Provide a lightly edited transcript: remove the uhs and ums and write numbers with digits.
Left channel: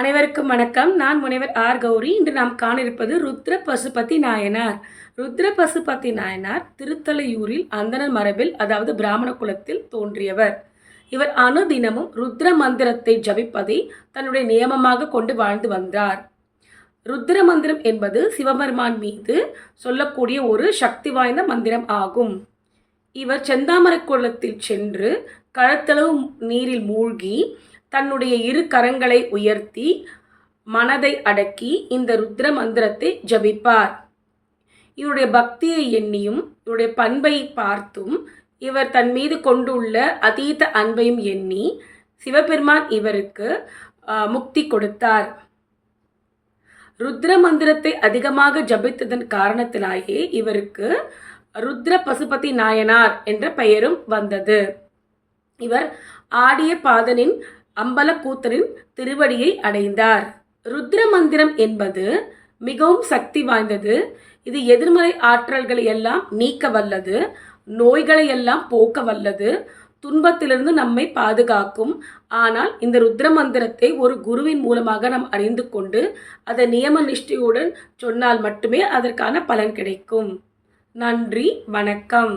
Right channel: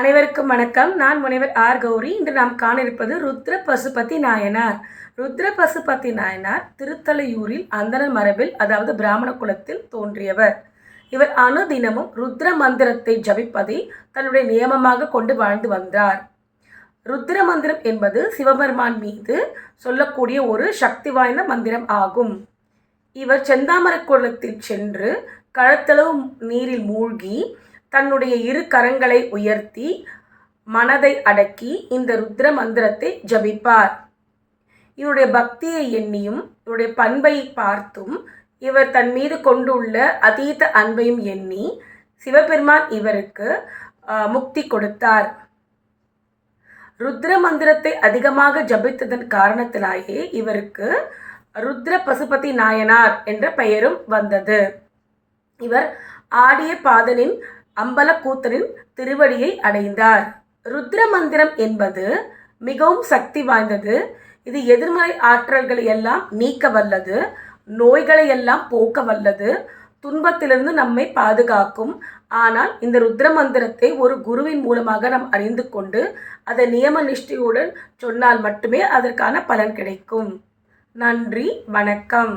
அனைவருக்கும் வணக்கம். நான் முனைவர் ஆர் கௌரி. இன்று நாம் காண இருப்பது ருத்ர பசுபதி நாயனார். ருத்ர பசுபதி நாயனார் திருத்தலையூரில் அந்தணர் மரபில், அதாவது பிராமண குலத்தில் தோன்றியவர். இவர் அனுதினமும் ருத்ர மந்திரத்தை ஜபிப்பதை தன்னுடைய நியமமாக கொண்டு வாழ்ந்து வந்தார். ருத்ர மந்திரம் என்பது சிவபெருமான் மீது சொல்லக்கூடிய ஒரு சக்தி வாய்ந்த மந்திரம் ஆகும். இவர் செந்தாமர குளத்தில் சென்று கழுத்தளவு நீரில் மூழ்கி தன்னுடைய இரு கரங்களை உயர்த்தி மனதை அடக்கி இந்த ருத்ர மந்திரத்தை ஜபிப்பார். இவருடைய பக்தியை எண்ணியும் இவருடைய பண்பை பார்த்தும் இவர் தன் மீது கொண்டுள்ள அதீத அன்பையும் எண்ணி சிவபெருமான் இவருக்கு முக்தி கொடுத்தார். ருத்ர மந்திரத்தை அதிகமாக ஜபித்ததன் காரணத்தினாலே இவருக்கு ருத்ர பசுபதி நாயனார் என்ற பெயரும் வந்தது. இவர் ஆடிய பாதனின் அம்பலக்கூத்தரின் திருவடியை அடைந்தார். ருத்ர மந்திரம் என்பது மிகவும் சக்தி வாய்ந்தது. இது எதிர்மறை ஆற்றல்களை எல்லாம் நீக்க வல்லது, நோய்களை எல்லாம் போக்க வல்லது, துன்பத்திலிருந்து நம்மை பாதுகாக்கும். ஆனால் இந்த ருத்ர மந்திரத்தை ஒரு குருவின் மூலமாக நாம் அறிந்து கொண்டு அதை நியம நிஷ்டையுடன் சொன்னால் மட்டுமே அதற்கான பலன் கிடைக்கும். நன்றி, வணக்கம்.